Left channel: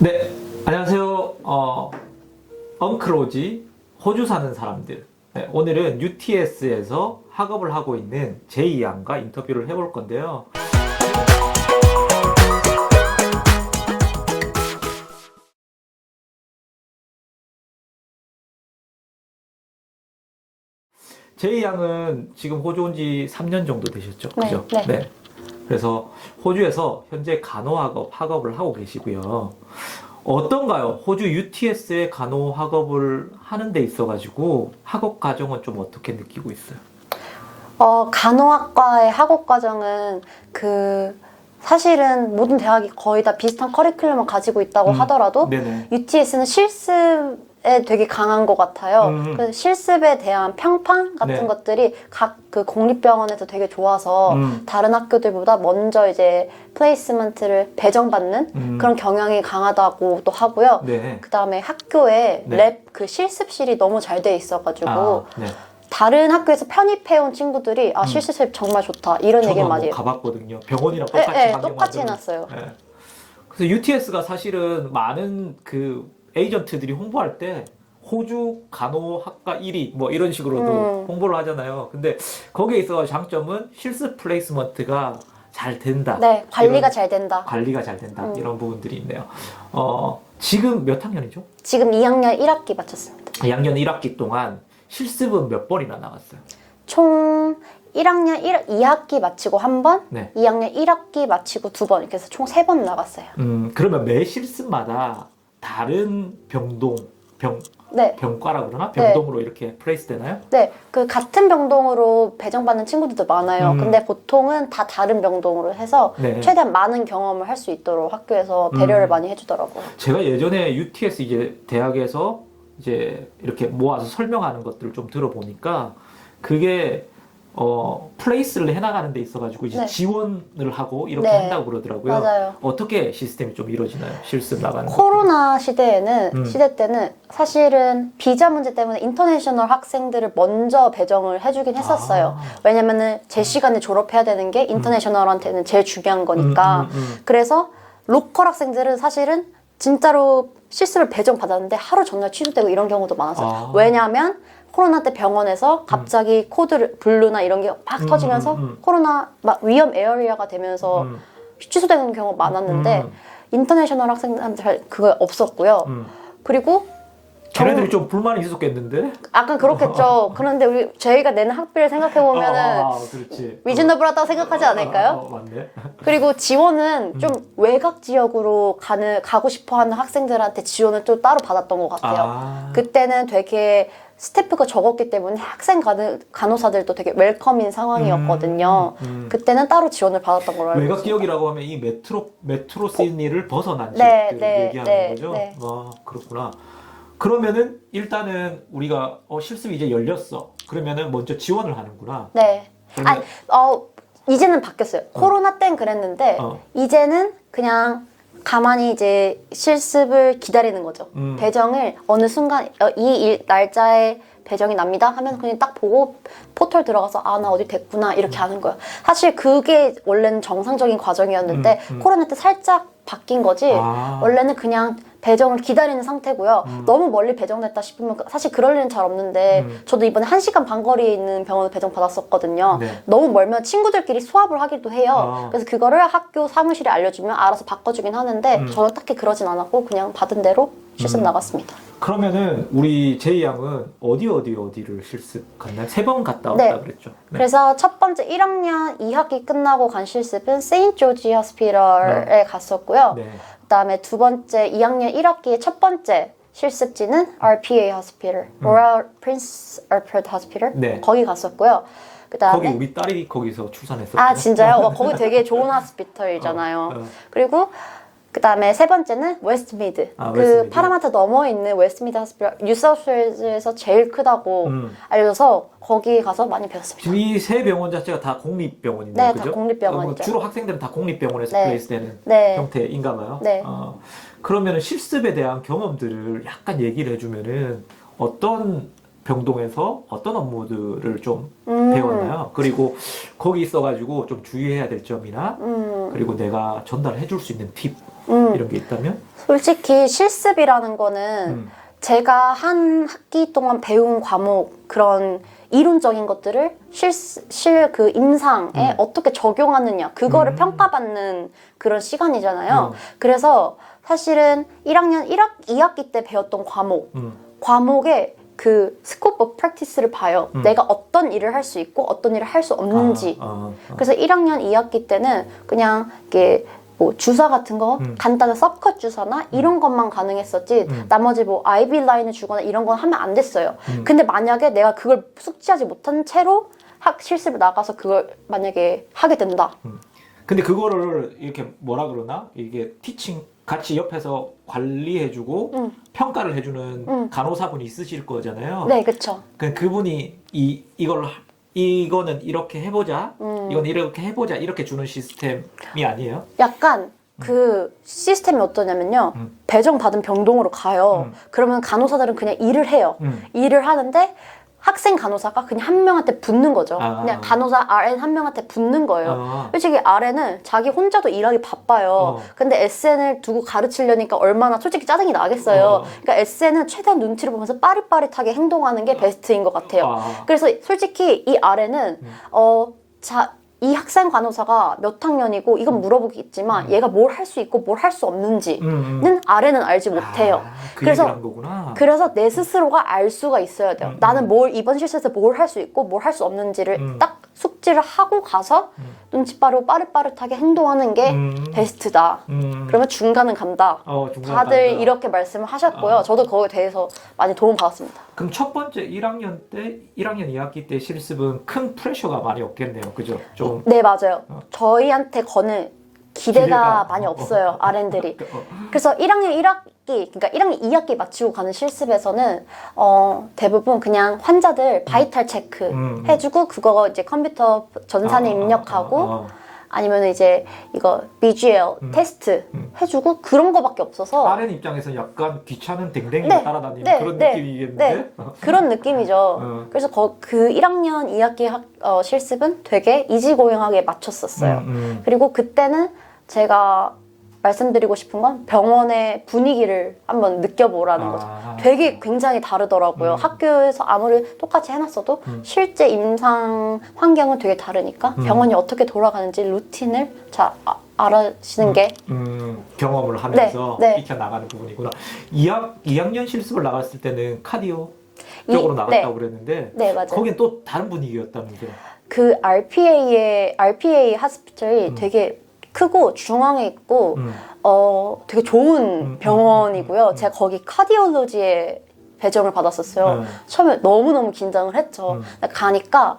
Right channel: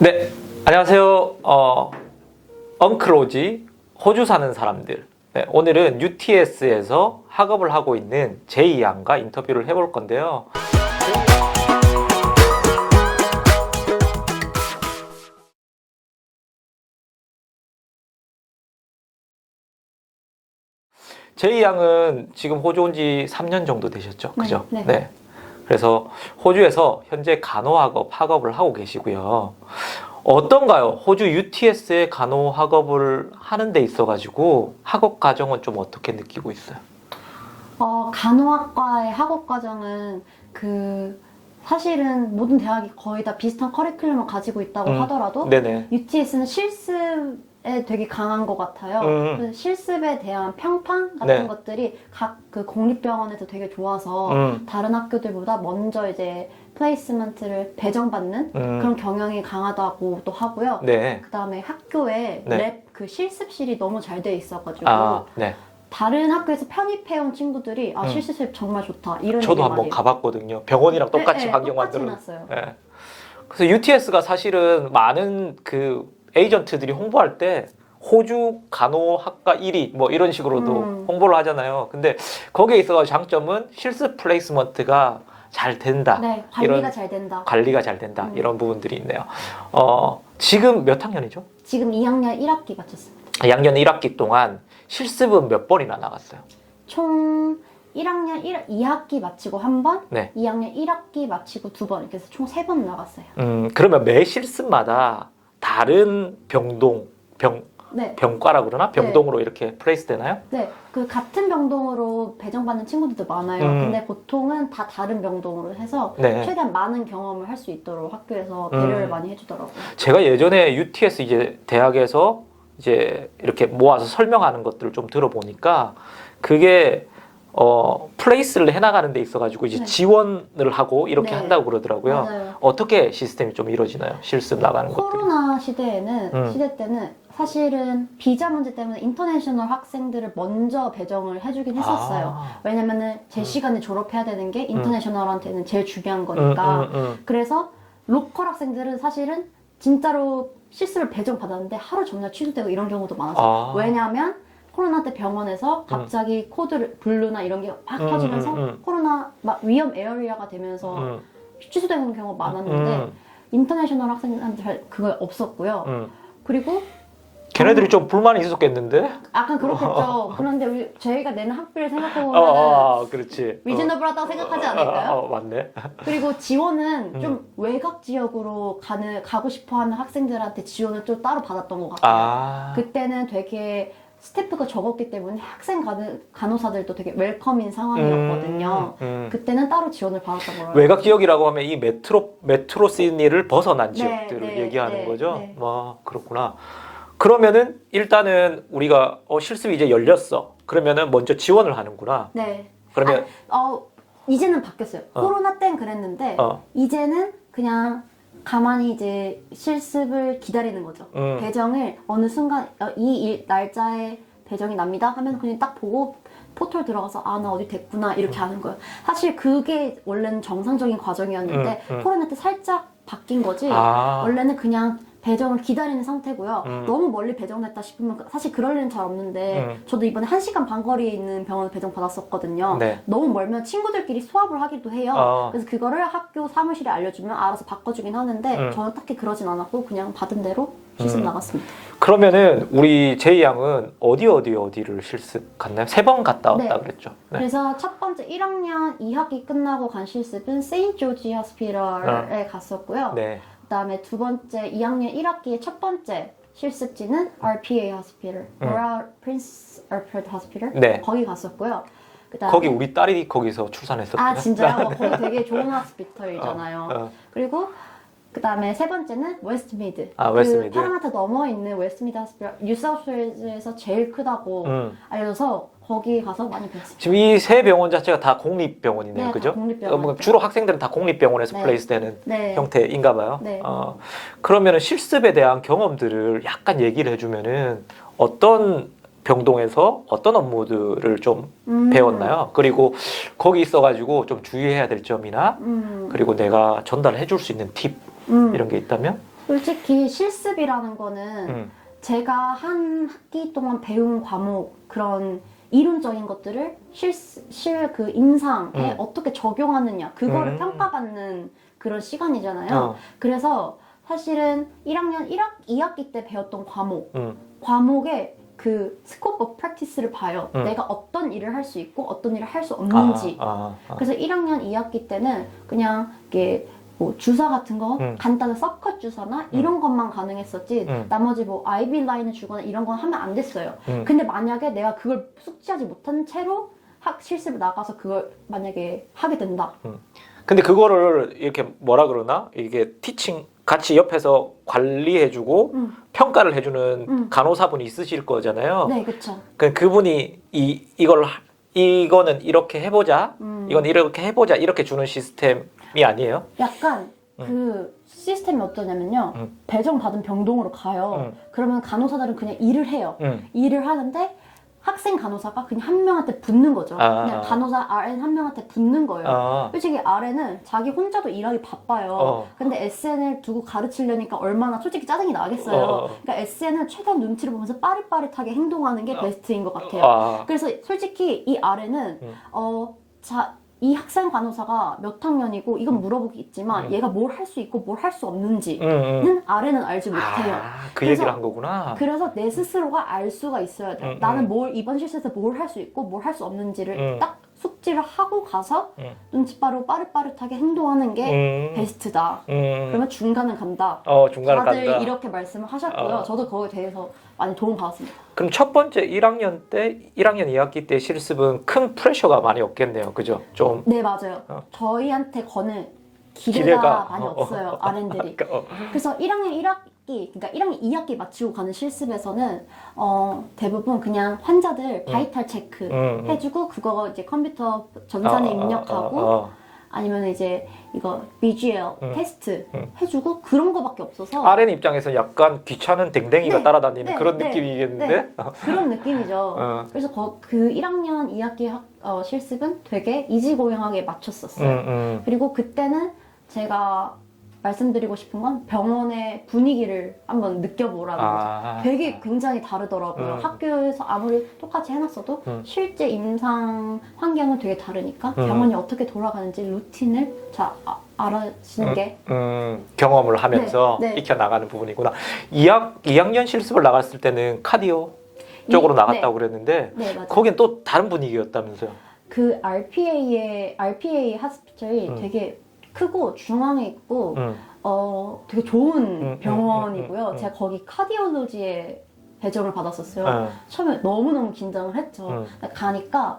네, 안녕하세요. 어, 엉클로지 호주 사는 사람들. 네, 오늘은 UTS에서 학업을 하고 있는 제이 양과 인터뷰를 해볼 건데요. 제이 양은 지금 호주 온 지 3년 정도 되셨죠? 네, 그죠? 네. 그래서 호주에서 현재 간호학업 학업을 하고 계시고요. 어떤가요? 호주 UTS의 간호학업을 하는 데 있어가지고 학업 과정은 좀 어떻게 느끼고 있어요? 어, 간호학과의 학업 과정은 그 사실은 모든 대학이 거의 다 비슷한 커리큘럼을 가지고 있다고 음, 하더라도 네네. UTS는 실습에 되게 강한 것 같아요. 음. 그래서 실습에 대한 평판 같은 네. 것들이 각 그 공립병원에서 되게 좋아서 음, 다른 학교들보다 먼저 이제 플레이스먼트를 배정받는 음, 그런 경향이 강하다고 또 하고요. 네. 그 다음에 학교에 네. 랩그 실습실이 너무 잘 돼 있어가지고 아, 네. 다른 학교에서 편입해온 친구들이 아 음. 실습실 정말 좋다 이런 저도 한번 많이 해요. 가봤거든요. 병원이랑 똑같이 네, 네, 똑같이. 해놨어요. 네. 그래서 UTS가 사실은 많은 그 에이전트들이 홍보할 때 호주 간호학과 1위 뭐 이런 식으로도 음. 홍보를 하잖아요. 근데 거기에 있어 장점은 실습 플레이스먼트가 잘 된다. 네, 관리가 잘 된다. 관리가 잘 된다. 음. 이런 부분들이 있네요. 어, 지금 몇 학년이죠? 지금 2학년 1학기 마쳤습니다. 양년 1학기 동안 실습은 몇 번이나 나갔어요? 총 1학년 1, 2학기 마치고 한 번, 네. 2학년 1학기 마치고 두 번, 그래서 총 세 번 나갔어요. 음, 그러면 매 실습마다 다른 병동, 병, 네, 병과라고 그러나? 병동으로 이렇게 플레이스 되나요? 네, 그 같은 병동으로 배정받는 친구들도 많아요. 음. 근데 보통은 다 다른 병동으로 해서 네. 최대한 많은 경험을 할 수 있도록 학교에서 배려를 음. 많이 해주더라고요. 제가 예전에 UTS 이제 대학에서 이제 이렇게 모아서 설명하는 것들을 좀 들어보니까 그게 어 플레이스를 해나가는 데 있어가지고 이제 네. 지원을 하고 이렇게 네. 한다고 그러더라고요. 맞아요. 어떻게 시스템이 좀 이루어지나요? 실습 나가는 거. 코로나 시대에는 음. 시대 때는 사실은 비자 문제 때문에 인터내셔널 학생들을 먼저 배정을 해주긴 했었어요. 아. 왜냐면은 제 시간에 졸업해야 되는 게 인터내셔널한테는 제일 중요한 거니까. 음, 음, 음. 그래서 로컬 학생들은 사실은 진짜로 실습을 배정 받았는데 하루 전날 취소되고 이런 경우도 많았어요. 아. 왜냐하면 코로나 때 병원에서 갑자기 코드를 블루나 이런 게막 음, 터지면서 음, 음. 코로나 막 위험 에어리어가 되면서 음, 취소되는 경우가 많았는데 음, 인터내셔널 학생들한테 잘 그거 없었고요. 음. 그리고 걔네들이 좀 불만이 있었겠는데? 약간 그렇겠죠. 그런데 우리 저희가 내는 학비를 생각해 어, 보면은 아, 그렇지. 리즈너블하다고 생각하지 않을까요? 어, 어, 맞네. 그리고 지원은 음. 좀 외곽 지역으로 가는 가고 싶어하는 학생들한테 지원을 또 따로 받았던 것 같아요. 아, 그때는 되게 스태프가 적었기 때문에 학생 간, 간호사들도 되게 웰컴인 상황이었거든요. 음, 음. 그때는 따로 지원을 받았던 걸로 알고 외곽. 지역이라고 하면 이 메트로 메트로 시니를 벗어난 네, 지역들을 네, 얘기하는 네, 거죠. 네. 아 그렇구나. 그러면은 일단은 우리가 어, 실습이 이제 열렸어. 그러면은 먼저 지원을 하는구나. 네. 그러면 어, 이제는 바뀌었어요. 어. 코로나 땐 그랬는데 어, 이제는 그냥 가만히 이제 실습을 기다리는 거죠. 음. 배정을 어느 순간 어, 이 일, 날짜에 배정이 납니다 하면 그냥 딱 보고 포털 들어가서 아 나 어디 됐구나 이렇게 하는 거예요. 사실 그게 원래는 정상적인 과정이었는데 음, 음. 코로나 때 살짝 바뀐 거지. 아, 원래는 그냥 배정을 기다리는 상태고요. 음. 너무 멀리 배정됐다 싶으면 사실 그럴 일은 잘 없는데 음. 저도 이번에 한시간 반 거리에 있는 병원을 배정 받았었거든요. 네. 너무 멀면 친구들끼리 수합을 하기도 해요. 아. 그래서 그거를 학교 사무실에 알려주면 알아서 바꿔주긴 하는데 음. 저는 딱히 그러진 않았고 그냥 받은 대로 실습 음. 나갔습니다. 그러면은 우리 제이 양은 어디 어디 어디를 실습 갔나요? 세 번 갔다 왔다 네. 그랬죠. 네. 그래서 첫 번째 1학년 2학기 끝나고 간 실습은 세인트 조지 호스피털에 갔었고요. 네. 그다음에 두 번째 2학년 1학기의 첫 번째 실습지는 RPA 호스피털, 음. Royal Prince Alfred Hospital 네. 거기 갔었고요. 그다음에 거기 우리 딸이 거기서 출산했었죠. 아 진짜요? 와, 거기 되게 좋은 호스피털이잖아요. 어, 어. 그리고 그 다음에 세 번째는 웨스트미드. 아, 그 웨스트미드. 파라마타 넘어 있는 웨스트미드 호스피털 뉴사우스웨일즈에서 제일 크다고 음. 알려서 거기 가서 많이 배웠습니다. 지금 이 세 병원 자체가 다 공립병원이네요. 네, 다 그죠? 공립병원이죠. 어, 뭐 주로 학생들은 다 공립병원에서 네. 플레이스 되는 네. 형태인가 봐요. 네. 어, 그러면은 실습에 대한 경험들을 약간 얘기를 해주면은 어떤 병동에서 어떤 업무들을 좀 음. 배웠나요? 그리고 거기 있어가지고 좀 주의해야 될 점이나 음. 그리고 내가 전달해 줄 수 있는 팁 음. 이런 게 있다면? 솔직히 실습이라는 거는 음. 제가 한 학기 동안 배운 과목 그런 이론적인 것들을 실실그 임상에 음. 어떻게 적용하느냐 그거를 음. 평가받는 그런 시간이잖아요. 어. 그래서 사실은 1학년 1학 2학기 때 배웠던 과목 음. 과목의 그 스코프 오브 프랙티스를 봐요. 음. 내가 어떤 일을 할 수 있고 어떤 일을 할 수 없는지. 아, 아, 아. 그래서 1학년 2학기 때는 그냥 이게 뭐 주사 같은 거 음. 간단한 서컷 주사나 이런 것만 가능했었지 음. 나머지 뭐 아이비 라인을 주거나 이런 건 하면 안 됐어요. 음. 근데 만약에 내가 그걸 숙지하지 못한 채로 학 실습을 나가서 그걸 만약에 하게 된다. 근데 그거를 이렇게 뭐라 그러나 이게 티칭 같이 옆에서 관리해주고 음. 평가를 해주는 음. 간호사분이 있으실 거잖아요. 네, 그쵸. 그 그분이 이 이걸 하- 이거는 이렇게 해보자, 음. 이건 이렇게 해보자 이렇게 주는 시스템이 아니에요? 약간 그 시스템이 어떠냐면요. 음. 배정받은 병동으로 가요. 음. 그러면 간호사들은 그냥 일을 해요. 음. 일을 하는데 학생 간호사가 그냥 한 명한테 붙는 거죠. 아. 그냥 간호사 RN 한 명한테 붙는 거예요. 아, 솔직히 RN은 자기 혼자도 일하기 바빠요. 어. 근데 SN을 두고 가르치려니까 얼마나 솔직히 짜증이 나겠어요. 어. 그러니까 SN은 최대한 눈치를 보면서 빠릿빠릿하게 행동하는 게 베스트인 것 같아요. 아, 그래서 솔직히 이 RN은 음. 어, 자, 이 학생 간호사가 몇 학년이고 이건 물어보겠지만 음. 얘가 뭘 할 수 있고 뭘 할 수 없는지는 음, 음. RN은 알지 못해요. 아, 그 그래서-. 그래서 내 스스로가 알 수가 있어야 돼요. 음, 나는 음. 뭘 이번 실습에서 뭘 할 수 있고 뭘 할 수 없는지를 음. 딱 숙지를 하고 가서 음. 눈치 빠르고 빠릿빠릿하게 행동하는 게 음. 베스트다. 음. 그러면 중간은 간다. 어 중간에 다들 간다. 이렇게 말씀을 하셨고요. 어. 저도 거기에 대해서 많이 도움 받았습니다. 그럼 첫 번째 1학년 때 1학년 2학기 때 실습은 큰 프레셔가 많이 없겠네요. 그죠? 좀 네, 맞아요. 어. 저희한테 거는 기대가, 기대가. 많이 어, 없어요, RN들이. 어, 그래서 1학년 1학기, 그러니까 1학년 2학기 마치고 가는 실습에서는 어, 대부분 그냥 환자들 바이탈 체크 음, 음. 해주고 그거 이제 컴퓨터 전산에 어, 어, 입력하고 어, 어. 아니면 이제 이거 BGL 음. 테스트 음. 해주고 그런 거밖에 없어서 RN 입장에서 약간 귀찮은 댕댕이가 네, 따라다니는 네, 그런 네, 느낌이겠는데? 네. 그런 느낌이죠. 어. 그래서 거- 그 1학년 2학기 학, 어, 실습은 되게 이지고잉하게 맞췄었어요. 음, 음. 그리고 그때는 제가 말씀드리고 싶은 건 병원의 분위기를 한번 느껴보라는 거죠. 아. 되게 굉장히 다르더라고요. 음. 학교에서 아무리 똑같이 해놨어도 음. 실제 임상 환경은 되게 다르니까 음. 병원이 어떻게 돌아가는지 루틴을 잘 아, 알아시는 게 음, 경험을 하면서 네, 네. 익혀 나가는 부분이구나. 2학 2학년 실습을 나갔을 때는 카디오 쪽으로 이- 나갔다고 네. 그랬는데 네, 맞아요. 거긴 또 다른 분위기였다면서요. 그 RPA의 RPA 하스피털이 음. 되게 크고 중앙에 있고 음. 어 되게 좋은 음, 병원이고요. 음, 음, 음. 제가 거기 카디올로지에 배정을 받았었어요. 음. 처음에 너무 너무 긴장을 했죠. 가니까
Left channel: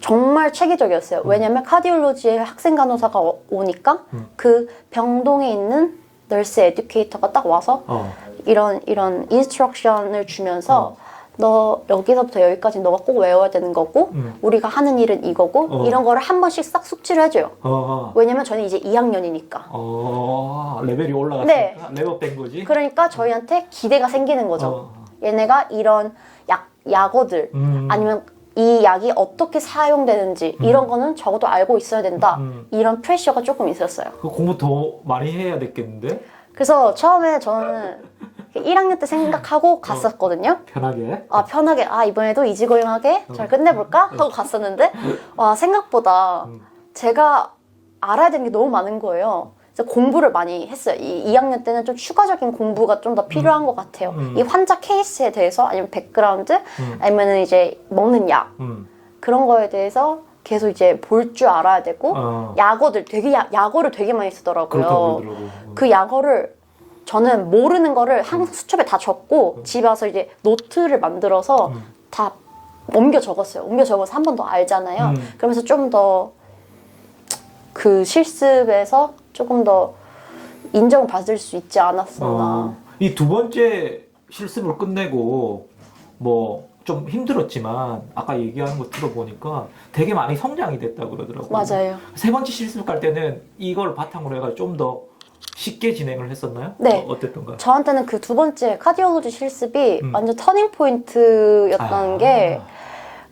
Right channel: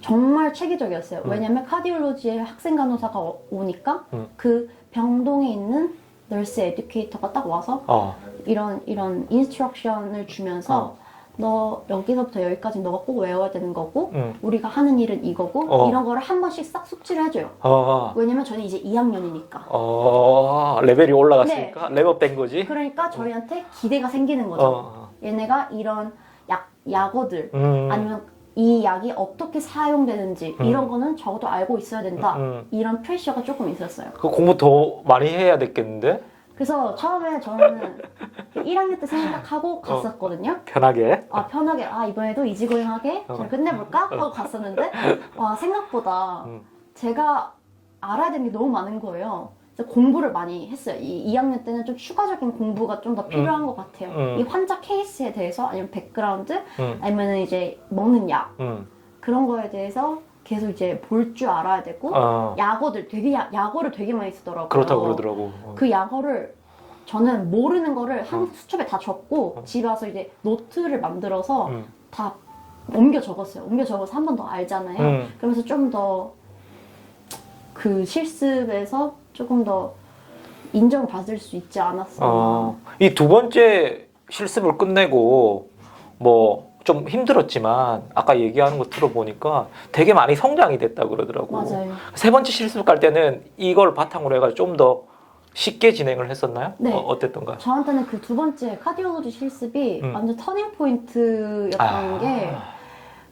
정말 체계적이었어요. 음. 왜냐면 카디올로지에 학생 간호사가 오- 오니까 음. 그 병동에 있는 널스 에듀케이터가 딱 와서 어. 이런 이런 인스트럭션을 주면서 너 여기서부터 여기까지 너가 꼭 외워야 되는 거고 음. 우리가 하는 일은 이거고 어. 이런 거를 한 번씩 싹 숙지를 해줘요. 어. 왜냐면 저는 이제 2학년이니까. 어. 레벨이 올라갔으니까 레벨 뺀 거지. 그러니까 저희한테 기대가 생기는 거죠. 어. 얘네가 이런 약 약어들 음. 아니면 이 약이 어떻게 사용되는지 음. 이런 거는 적어도 알고 있어야 된다. 음. 이런 프레셔가 조금 있었어요. 그 공부 더 많이 해야 됐겠는데 그래서 처음에 저는 1학년 때 생각하고 갔었거든요. 편하게. 아 편하게 아 이번에도 이지고잉하게 잘 어. 끝내볼까 하고 갔었는데 와 생각보다 음. 제가 알아야 되는 게 너무 많은 거예요. 그래서 공부를 많이 했어요. 이 2학년 때는 좀 추가적인 공부가 좀 더 필요한 것 같아요. 음. 이 환자 케이스에 대해서 아니면 백그라운드 음. 아니면 이제 먹는 약 음. 그런 거에 대해서 계속 이제 볼 줄 알아야 되고 어. 약어들 되게 야, 약어를 되게 많이 쓰더라고요. 그렇다고 그러더라고. 그 약어를 저는 모르는 거를 한 수첩에 다 적고 집에 와서 이제 노트를 만들어서 음. 다 옮겨 적었어요. 옮겨 적어서 한 번 더 알잖아요. 음. 그러면서 좀 더 그 실습에서 조금 더 인정받을 수 있지 않았었나. 어, 이두 번째 실습을 끝내고 뭐 좀 힘들었지만 아까 얘기하는 거 들어보니까 되게 많이 성장이 됐다고 그러더라고. 맞아요. 세 번째 실습 갈 때는 이걸 바탕으로 해가지고 좀더 쉽게 진행을 했었나요? 네. 어, 어땠던가요? 저한테는 그 두 번째 카디올로지 실습이 음. 완전 터닝 포인트였던 아. 게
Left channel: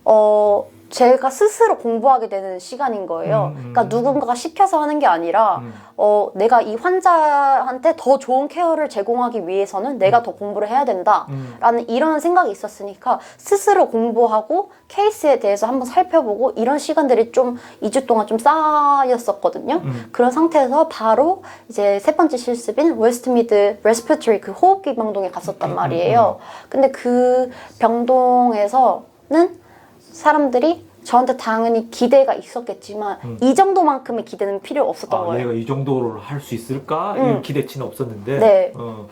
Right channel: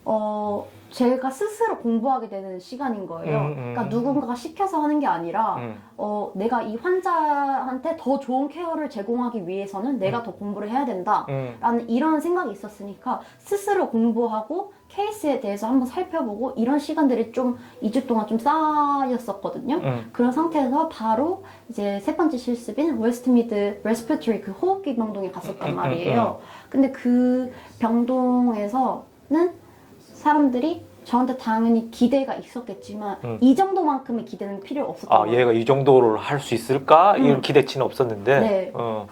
어, 제가 스스로 공부하게 되는 시간인 거예요. 음, 음. 그러니까 누군가가 시켜서 하는 게 아니라 음. 어, 내가 이 환자한테 더 좋은 케어를 제공하기 위해서는 내가 더 공부를 해야 된다. 음. 라는 이런 생각이 있었으니까 스스로 공부하고 케이스에 대해서 한번 살펴보고 이런 시간들이 좀 2주 동안 좀 쌓였었거든요. 음. 그런 상태에서 바로 이제 세 번째 실습인 웨스트미드 레스피터리 그 호흡기 병동에 갔었단 음, 음, 말이에요. 근데 그 병동에서는 사람들이 저한테 당연히 기대가 있었겠지만 음. 이 정도만큼의 기대는 필요 없었던 아, 거예요. 얘가 이 정도를 할 수 있을까? 음. 이런 기대치는 없었는데. 네. 어.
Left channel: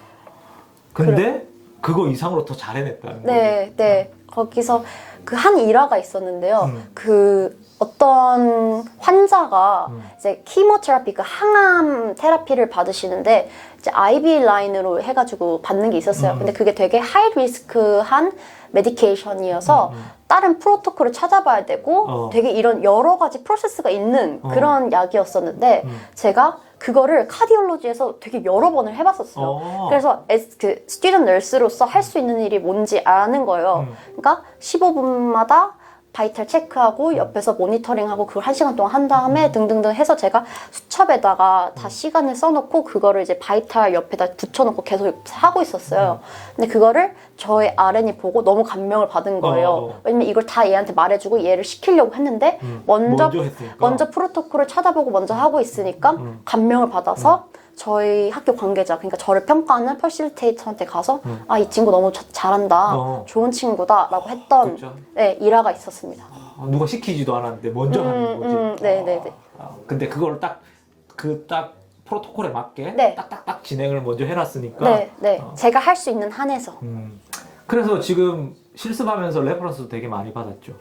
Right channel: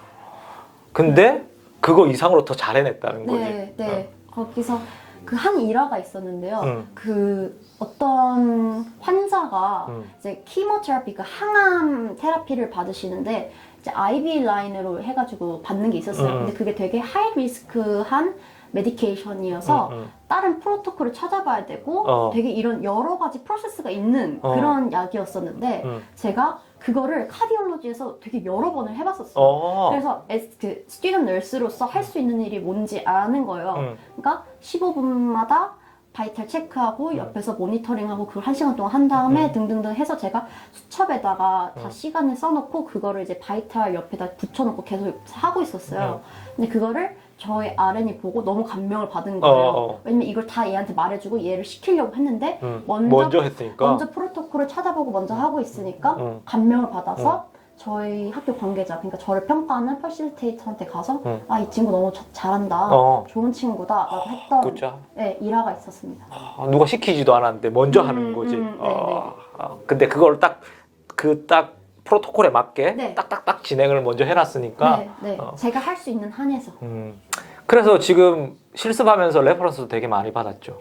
근데 그거 이상으로 더 잘해냈다는 네, 거지. 네. 거기서 그 한 일화가 있었는데요. 음. 그 어떤 환자가 음. 이제 키모테라피 그 항암 테라피를 받으시는데 이제 IV 라인으로 해가지고 받는 게 있었어요. 음. 근데 그게 되게 하이 리스크한 메디케이션이어서 음, 음. 다른 프로토콜을 찾아봐야 되고 어. 되게 이런 여러 가지 프로세스가 있는 어. 그런 약이었었는데 음. 제가 그거를 카디올로지에서 되게 여러 번을 해봤었어요. 어. 그래서 에스- 그 스튜던트 널스로서 할 수 있는 일이 뭔지 아는 거예요. 음. 그러니까 15분마다 바이탈 체크하고 옆에서 모니터링하고 그걸 한 시간 동안 한 음. 다음에 등등등 해서 제가 수첩에다가 다 시간을 써놓고 그거를 이제 바이탈 옆에다 붙여놓고 계속 하고 있었어요. 근데 그거를 저의 RN이 보고 너무 감명을 받은 거예요. 어. 왜냐면 이걸 다 얘한테 말해주고 얘를 시키려고 했는데 음. 먼저 먼저 했으니까. 먼저 프로토콜을 쳐다보고 먼저 하고 있으니까 음. 감명을 받아서 저희 학교 관계자 그러니까 저를 평가하는 퍼실테이터한테 가서 음. 아이 친구 너무 자- 잘한다 어. 좋은 친구다라고 했던 그렇죠. 네, 일화가 있었습니다. 아, 누가 시키지도 않았는데 먼저 음, 하는 거지. 음, 네, 네, 네. 아, 근데 그걸 딱 그 딱 프로토콜에 맞게 네. 딱딱딱 진행을 먼저 해놨으니까. 네, 네. 어. 제가 할 수 있는 한에서. 음. 그래서 지금 실습하면서 레퍼런스도 되게 많이 받았죠.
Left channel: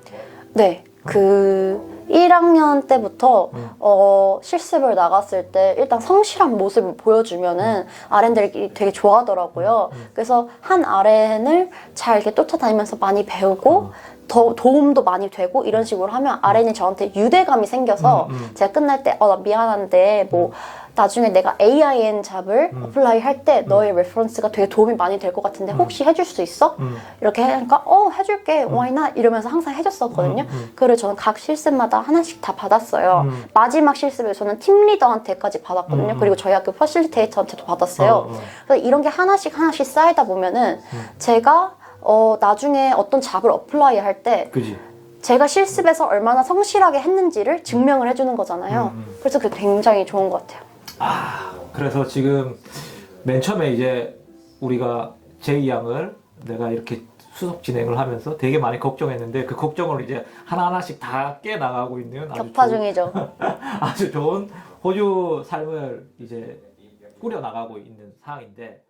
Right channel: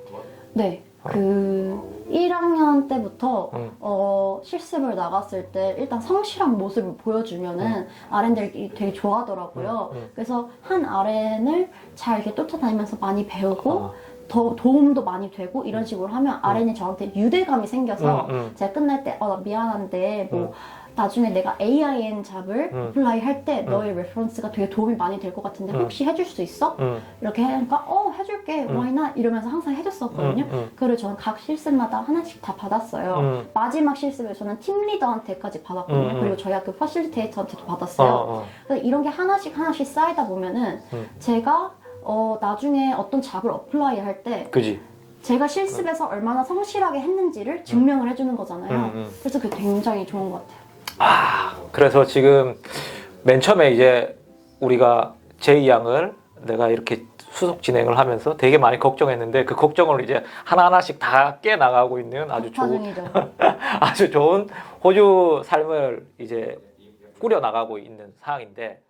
네. 그 1학년 때부터 음. 어, 실습을 나갔을 때 일단 성실한 모습을 보여주면은 RN들이 되게 좋아하더라고요. 음, 음. 그래서 한 RN을 잘 이렇게 쫓아다니면서 많이 배우고 어. 더 도움도 많이 되고 이런 식으로 하면 RN이 저한테 유대감이 생겨서 음, 음. 제가 끝날 때 어 나 미안한데 뭐 나중에 내가 AIN 잡을 음. 어플라이 할 때 너의 레퍼런스가 되게 도움이 많이 될 것 같은데 음. 혹시 해줄 수 있어? 음. 이렇게 하니까 어 해줄게 why not 이러면서 항상 해줬었거든요. 음, 음. 그를 저는 각 실습마다 하나씩 다 받았어요. 음. 마지막 실습에 저는 팀 리더한테까지 받았거든요. 음, 음. 그리고 저희 학교 퍼실테이터한테도 받았어요. 어, 어. 그래서 이런 게 하나씩 하나씩 쌓이다 보면은 음. 제가 어, 나중에 어떤 잡을 어플라이 할 때. 제가 실습에서 얼마나 성실하게 했는지를 증명을 해주는 거잖아요. 음, 음. 그래서 그게 굉장히 좋은 것 같아요. 아, 그래서 지금 맨 처음에 이제 우리가 제이 양을 내가 이렇게 수속 진행을 하면서 되게 많이 걱정했는데 그 걱정을 이제 하나하나씩 다 깨 나가고 있는 아주 격파 좋은, 중이죠. 아주 좋은 호주 삶을 이제 꾸려 나가고 있는 상황인데